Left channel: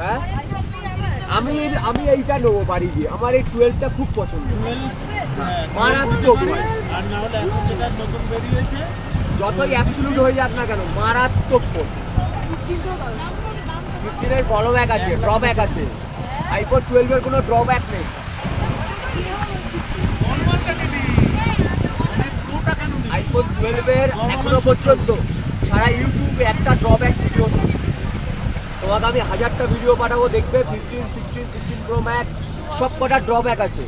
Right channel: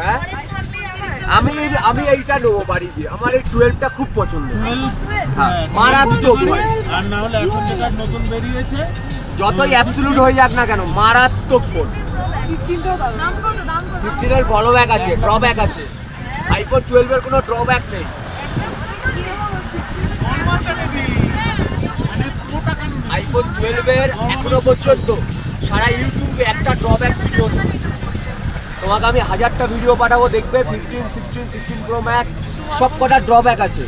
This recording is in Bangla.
হ্যাঁ আমি আমি এইটা নেবো বাড়ি গিয়ে, আমার এই 12টা খুব পছন্দ, মারাত্মক। আর না হলে এখন যেটা নতুন বেরিয়েছে যতই অ্যাবসলিউট হয়ে যাক না কেন মারাত্মক ফোন। 15 এর ড্রব্যাক আছে, ড্রব্যাক আছে, আইফোন 12 এর কোনো ড্রব্যাক নেই। আইফোন 12 এর এখনো পর্যন্ত সারা ইউটিউবে একটা ড্রব্যাক ভিডিও নেই। তোমাকে আমি 1000টা ভিডিও পাঠাবো, দেখবে 15, 16, 16 Pro Max সব কটা ড্রব্যাক আছে।